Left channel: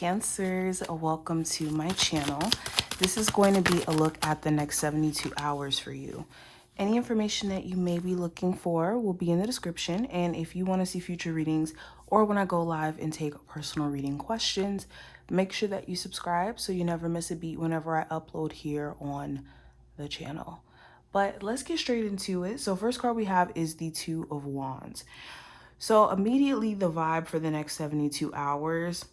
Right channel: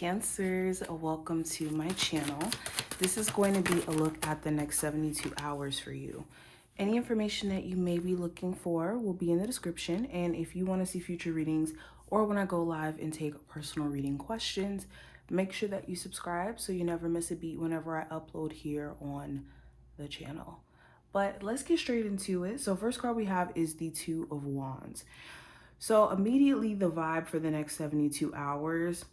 Cancers, welcome to my channel. This is going to be a look at the next 72 hours for you. Any information that you may be looking for will be in the description, and if you want to see future readings or when I go live and take personal reading questions, make sure that you subscribe so you never miss a beat whenever I upload here on the channel. But let's get straight into it. So first card we have is the Two of Wands. So immediately the vibe for the next 72 hours,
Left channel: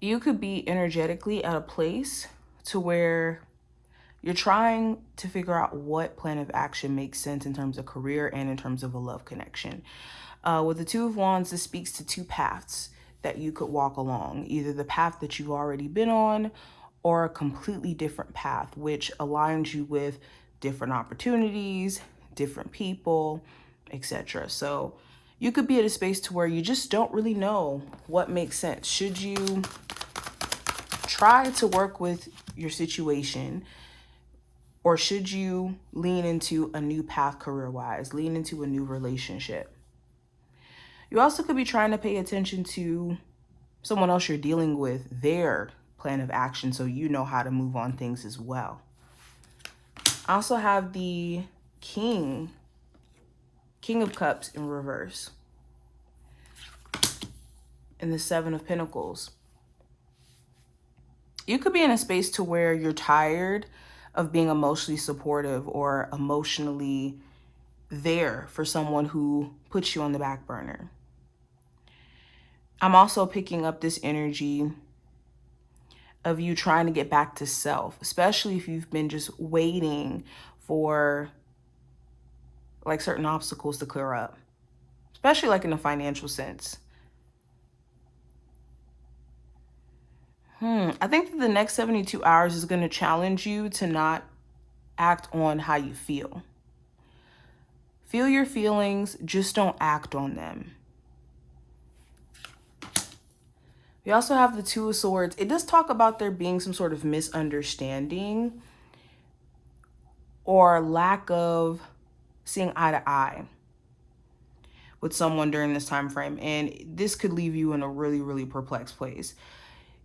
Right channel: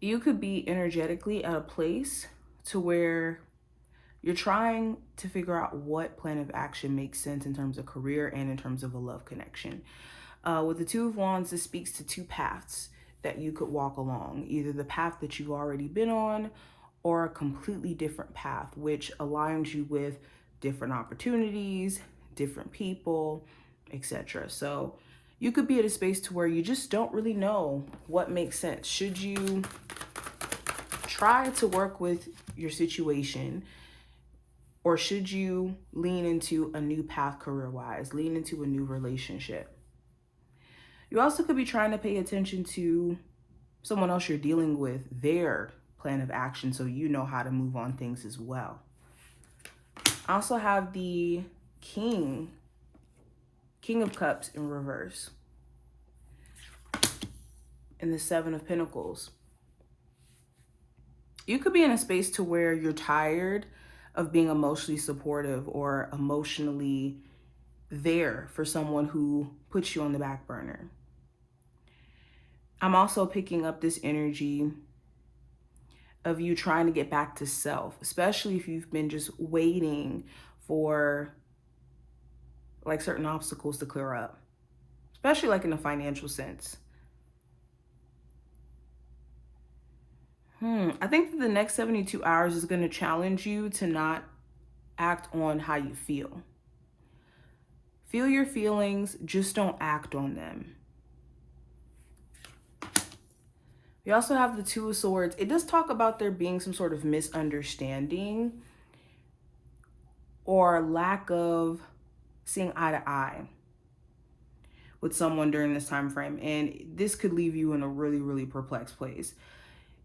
you could be energetically at a place to where you're trying to figure out what plan of action makes sense in terms of career and in terms of a love connection. With the Two of Wands, this speaks to two paths that you could walk along, either the path that you've already been on or a completely different path, which aligns you with different opportunities, different people, etc. So you could be at a space to where you just don't really know what makes sense. Should you try to work with your situation, or should you lean into a new path career-wise, lean into a new relationship? You also could be trying to pay attention to someone else you're dealing with, their plan of action, so you know how to move on things as well. I also have the King of Cups in reverse, and the Seven of Pentacles. You could be in a space to where you're tired of being emotionally supportive or emotionally there for someone who puts you on the back burner. I'm also picking up this energy of you trying to get back to self, especially if you've been just waiting for like certain obstacles to clear up, especially like in a financial sense. I think that the next 72 hours is going to challenge you to not act on how you feel. Feel your feelings, just don't act on them. We also have the Two of Swords. It does talk about there being some sort of misunderstanding or lack of seeing eye to eye with someone during this time frame. And this could leave you in a really, really perplexed place.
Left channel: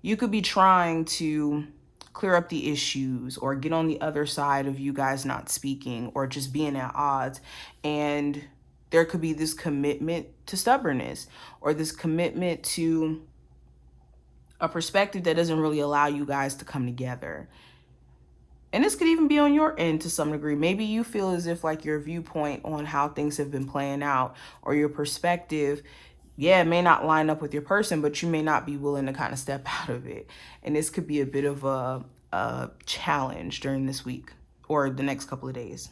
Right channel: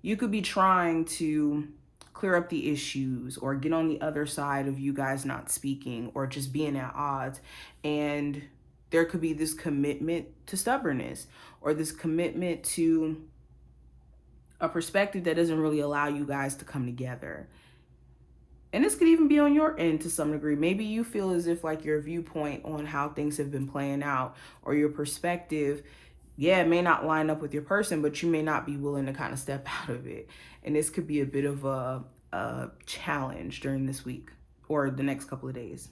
You could be trying to clear up the issues or get on the other side of you guys not speaking or just being at odds. And there could be this commitment to stubbornness or this commitment to a perspective that doesn't really allow you guys to come together. And this could even be on your end to some degree. Maybe you feel as if like your viewpoint on how things have been playing out or your perspective, it may not line up with your person, but you may not be willing to kind of step out of it. And this could be a bit of a challenge during this week or the next couple of days.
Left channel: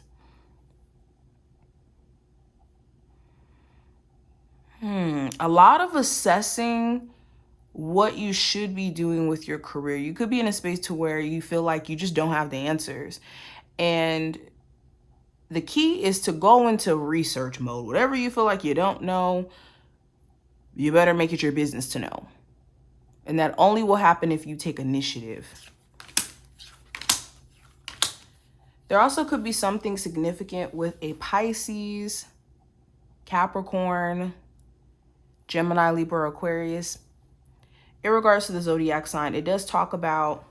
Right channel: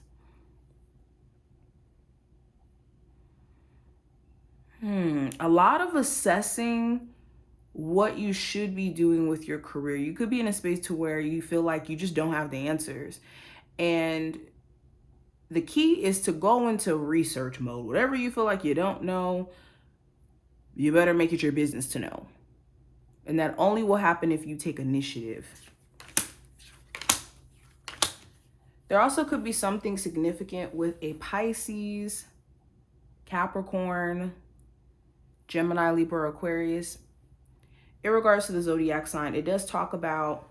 A lot of assessing what you should be doing with your career. You could be in a space to where you feel like you just don't have the answers. And the key is to go into research mode. Whatever you feel like you don't know, you better make it your business to know. And that only will happen if you take initiative. There also could be something significant with a Pisces, Capricorn, Gemini, Libra, Aquarius. In regards to the zodiac sign, it does talk about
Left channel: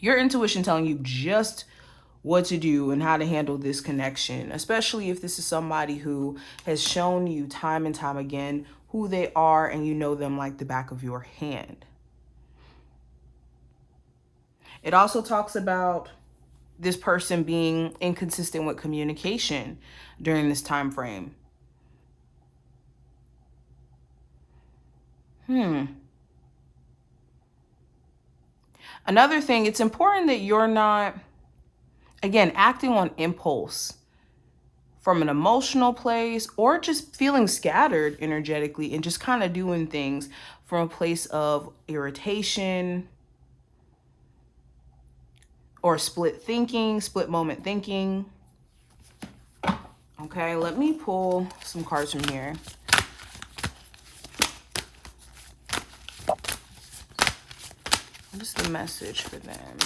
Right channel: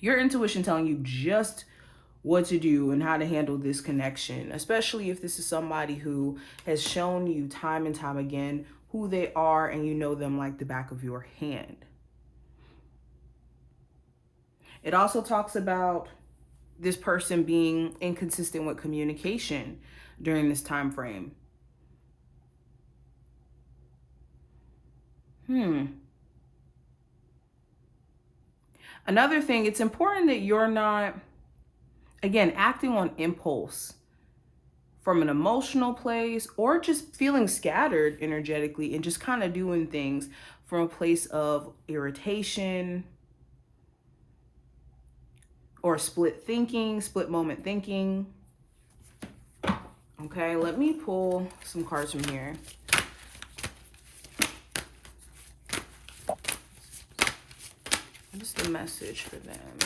your intuition telling you just what to do and how to handle this connection, especially if this is somebody who has shown you time and time again who they are and you know them like the back of your hand. It also talks about this person being inconsistent with communication during this time frame. Another thing, it's important that you're not, again, acting on impulse from an emotional place or just feeling scattered energetically and just kind of doing things from a place of irritation or split moment thinking. Okay, let me pull some cards from here. What's the message for them?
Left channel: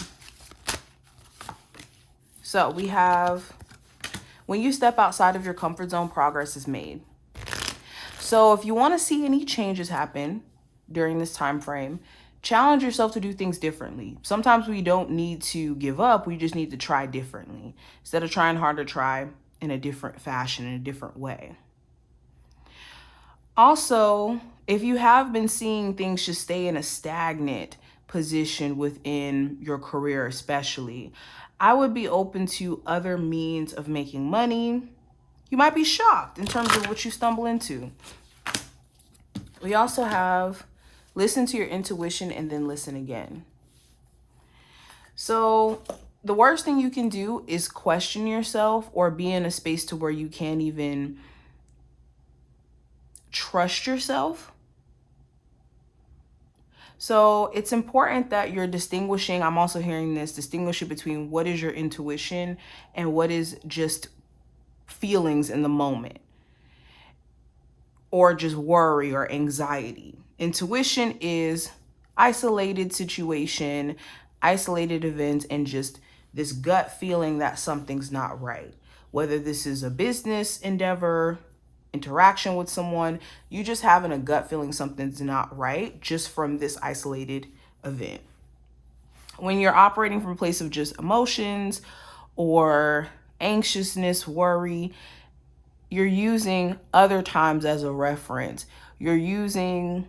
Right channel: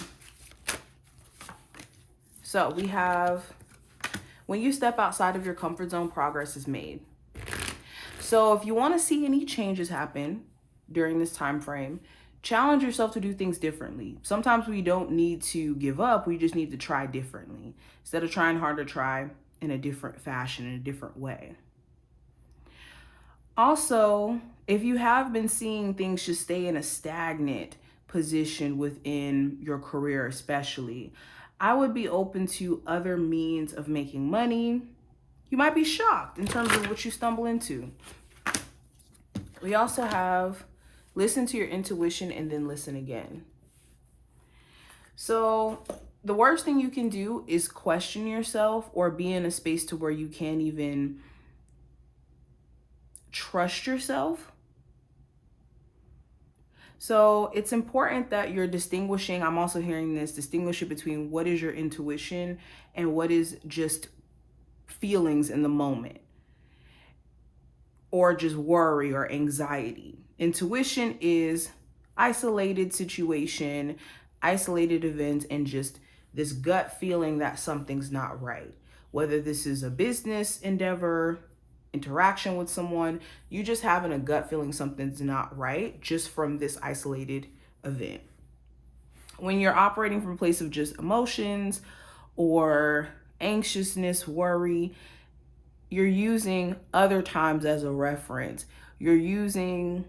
So we have, when you step outside of your comfort zone, progress is made. So if you want to see any changes happen, during this time frame, challenge yourself to do things differently. Sometimes we don't need to give up, we just need to try differently. Instead of trying hard, to try in a different fashion, in a different way. Also, if you have been seeing things just stay in a stagnant position within your career, especially, I would be open to other means of making money. You might be shocked in terms of what you stumble into. We also have listen to your intuition and then listen again. So the worst thing you can do is question yourself or be in a space to where you can't even trust yourself. So it's important that you're distinguishing, I'm also hearing this, distinguishing between what is your intuition and what is just feelings in the moment, or just worry or anxiety. Intuition is isolated situation, isolated events, and just this gut feeling that something's not right. Whether this is a business endeavor, interaction with someone, you just having a gut feeling something's not right just from this isolated event. When you're operating from a place of just emotions or anxiousness, worry, you're using other times as a reference. You're using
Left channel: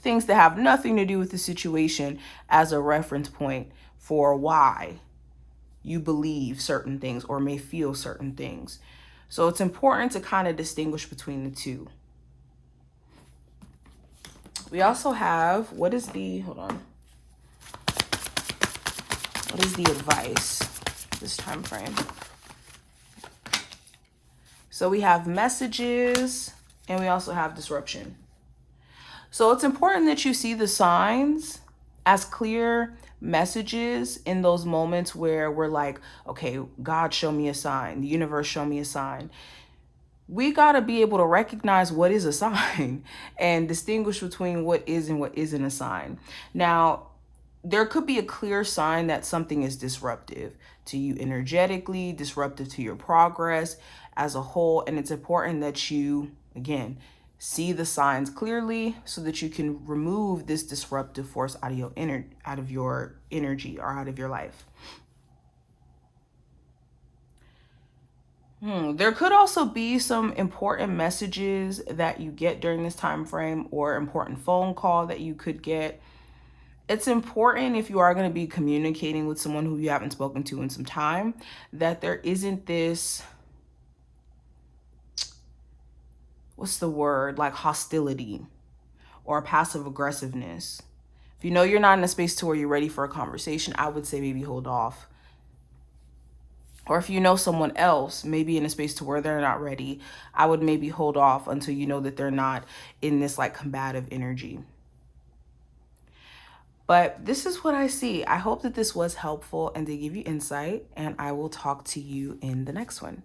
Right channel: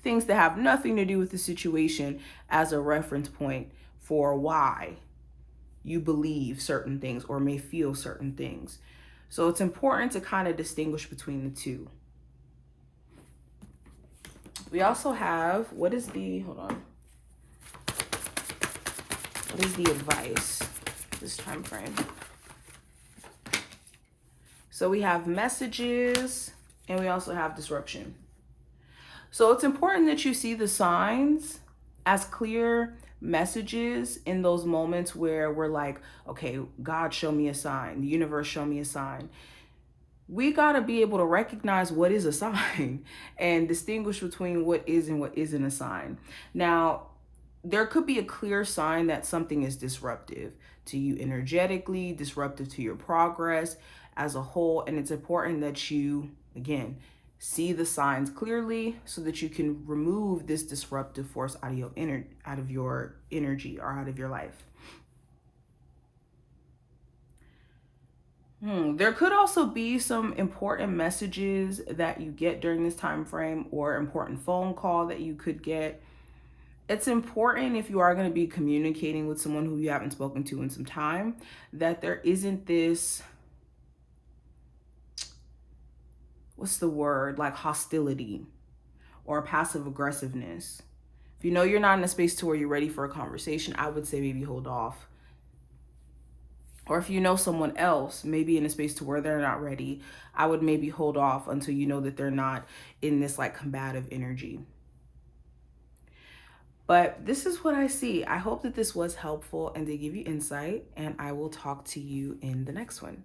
things that have nothing to do with the situation as a reference point for why you believe certain things or may feel certain things. So it's important to kind of distinguish between the two. We also have, what is the advice this time frame? So we have messages and we also have disruption. So it's important that you see the signs as clear messages in those moments where we're like, okay, God, show me a sign. The universe, show me a sign. We got to be able to recognize what is a sign and distinguish between what is and what isn't a sign. Now, there could be a clear sign that something is disruptive to you energetically, disruptive to your progress as a whole. And it's important that you, again, see the signs clearly so that you can remove this disruptive force out of your energy or out of your life. There could also be some important messages that you get during this time frame or important phone call that you could get. It's important, if you are going to be communicating with someone who you haven't spoken to in some time, that there isn't this, what's the word, like hostility or passive aggressiveness. If you know you're not in a space to where you're ready for a conversation, I would say maybe hold off. Or if you know someone else maybe in a space to where they're not ready, I would maybe hold off until you know that they're not in this like combative energy. But this is what I see. I hope that this was helpful and to give you insight, and I will talk to you in the next one.